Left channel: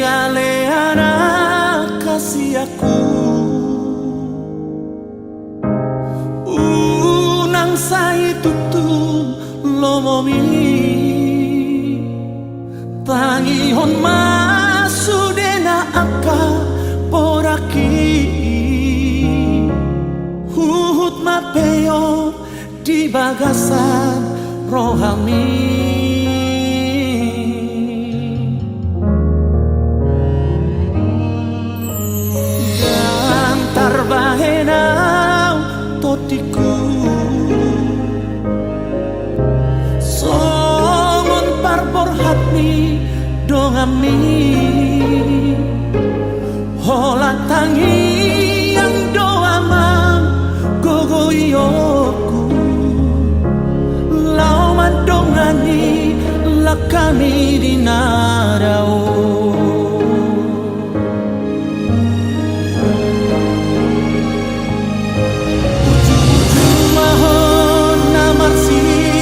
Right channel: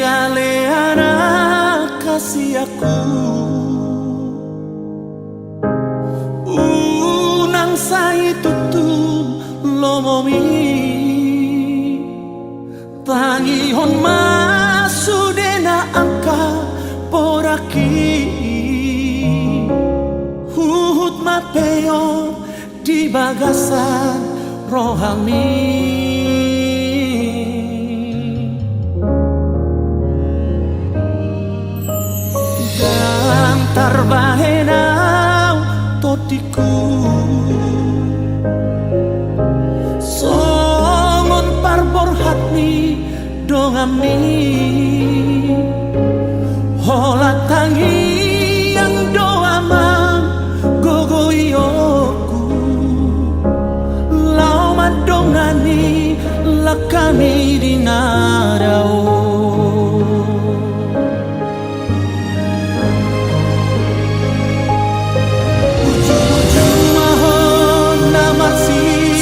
ale anak kasih aku unang say tutun lomomi tangihon masudena angka poraki huhut mapeo di bagasan rohami dan tarbahenau totiku songon parbor hatni dongami hola tangi yang doamang gogoyoku lau madongani lakami di narao uju-uju mahon namar si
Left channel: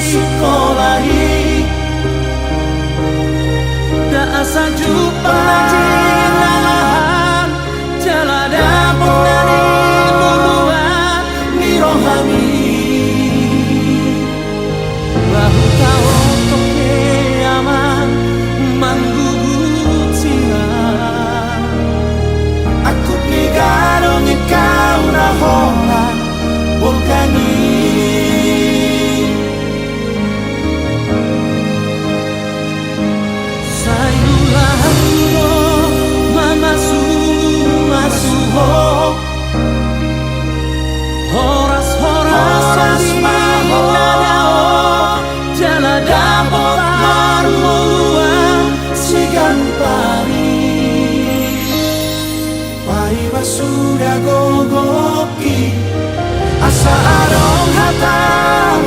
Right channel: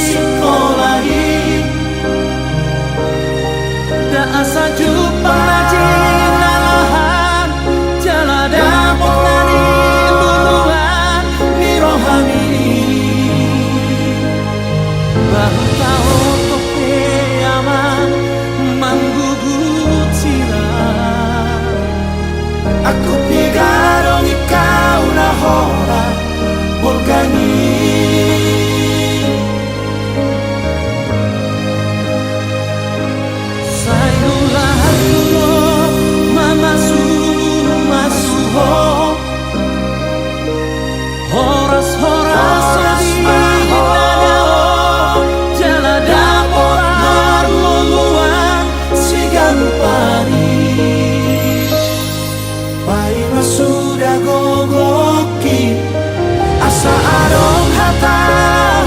sekolahi da asa jupang najin nalahan jala dapot nani luluan ni rohani bahu tau tope aman manggugut sirah aku nigarong ikaw na hola volgani sayulah kulo masuho horas di nadao jala dapotar moluan sigalupari pai masuda gogoki asa arong hata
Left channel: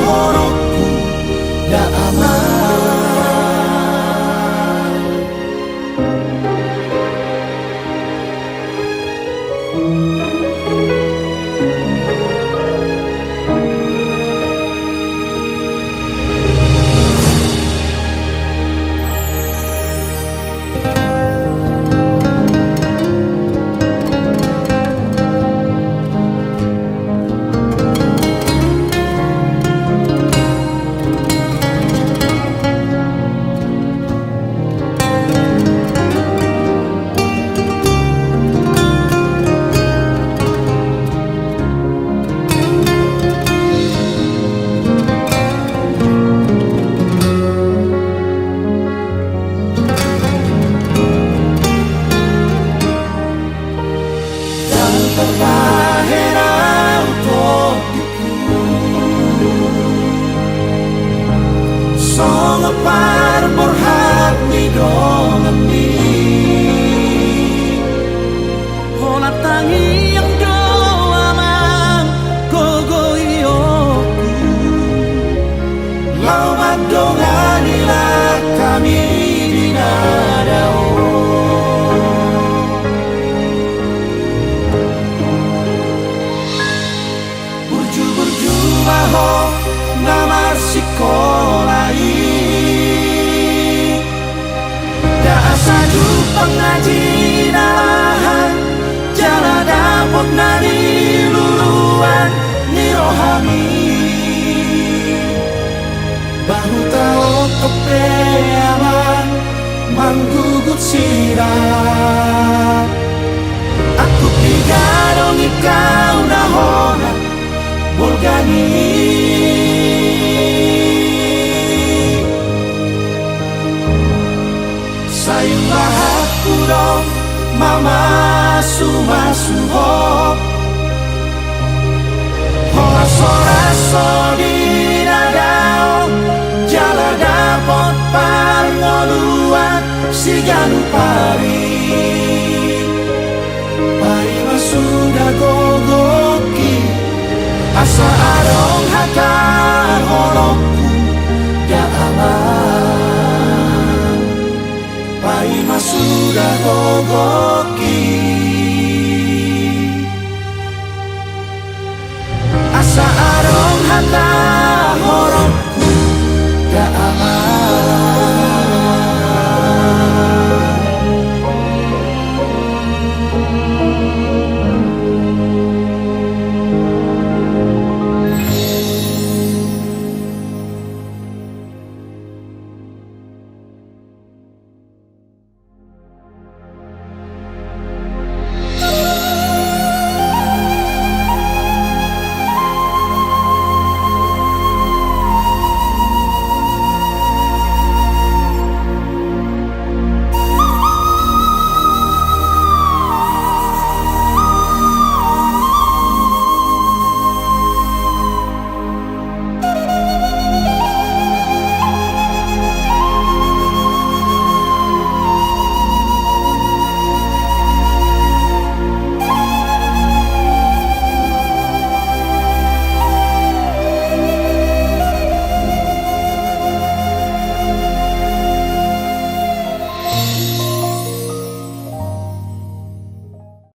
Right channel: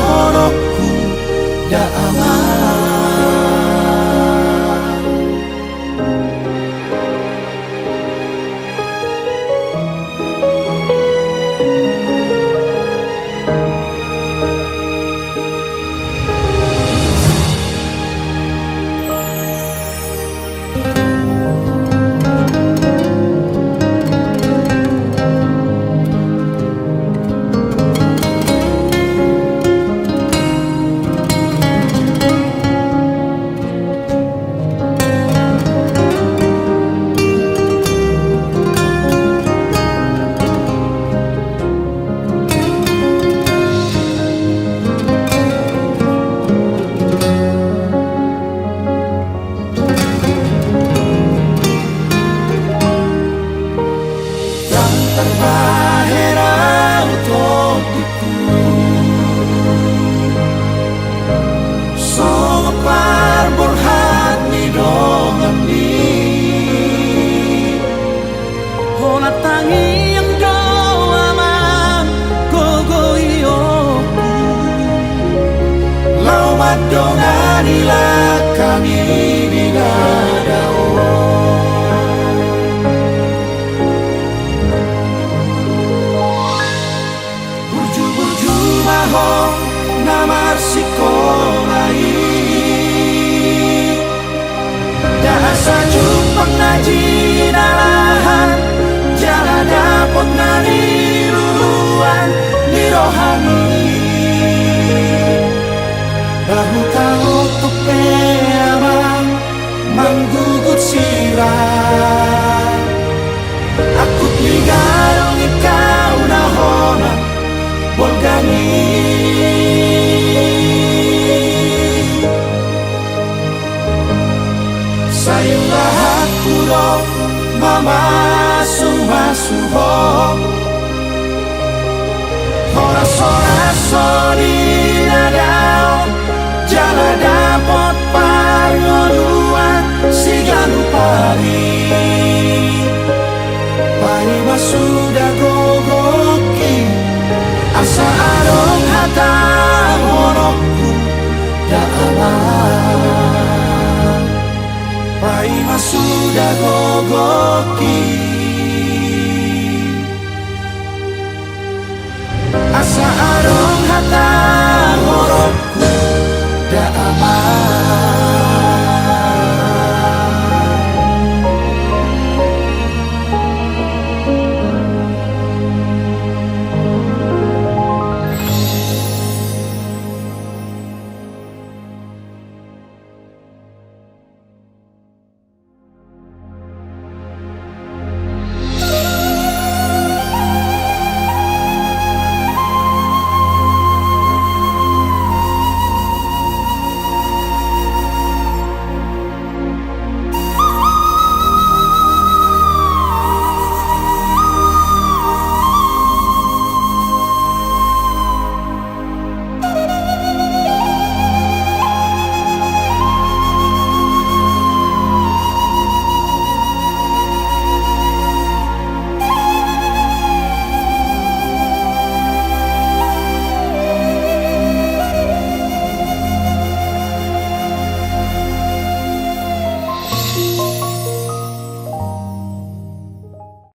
horokku da aman tangi yang doaman gogoyoku lau madonganilah kami di nadao burju-burju mahong namar sikolai da asa jupang najin alahan jala dapot nani luluan ni rohani bahu tau tope aman manggugut sirah aku nigarong ikaw na hola volgani sayulah aku dong masuho horas di nadao jala dapot parngoluan si galupari pai masuda gogoki asa arong hata horokku da aman pai masuda gogoki asa arong hata